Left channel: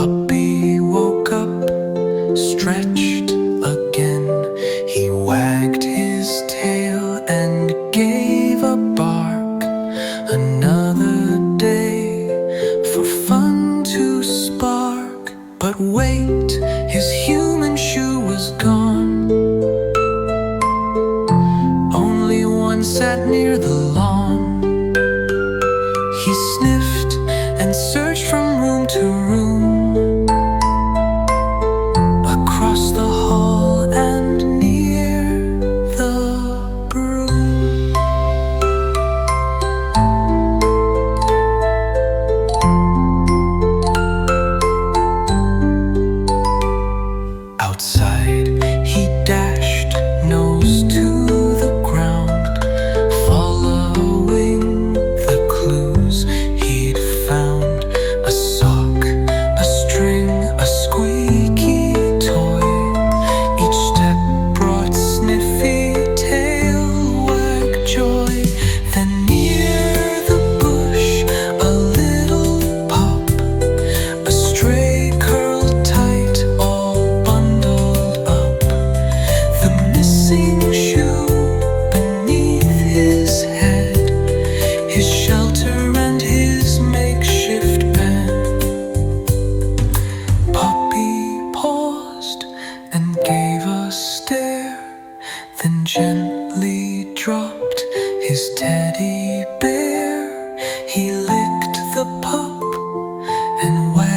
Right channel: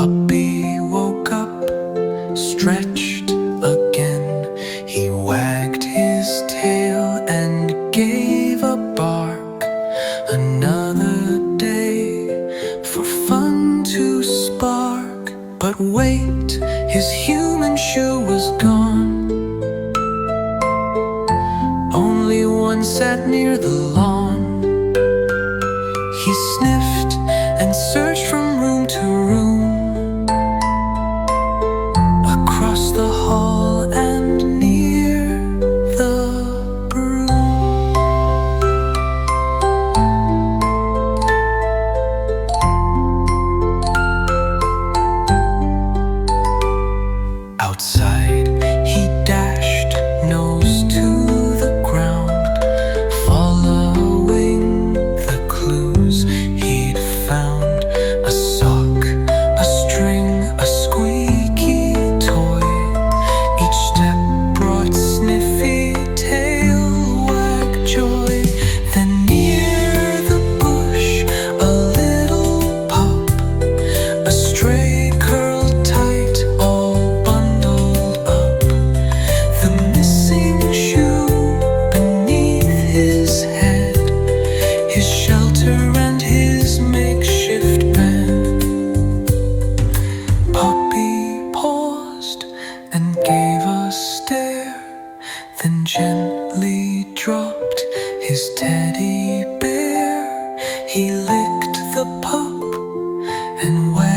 Puppy woke up, stretched again. He wagged his tail and gave a bark. Another day for fun to spark. But wait, his human shoe was gone. Only one sat near the lawn. He sniffed and searched from room to room, across the hall and near the broom. Outside he dashed, nose to the ground, following the clues he'd found. A sock, a string, a squeaky toy. Each step brought sniffy tail wag joy. Then near the bush a little pup, a stray curled tight, all bundled up. The missing shoe beneath his head, his shelter and his makeshift bed. Puppy paused and gave a stare, then gently dropped his teddy bear. He licked the pup and wagged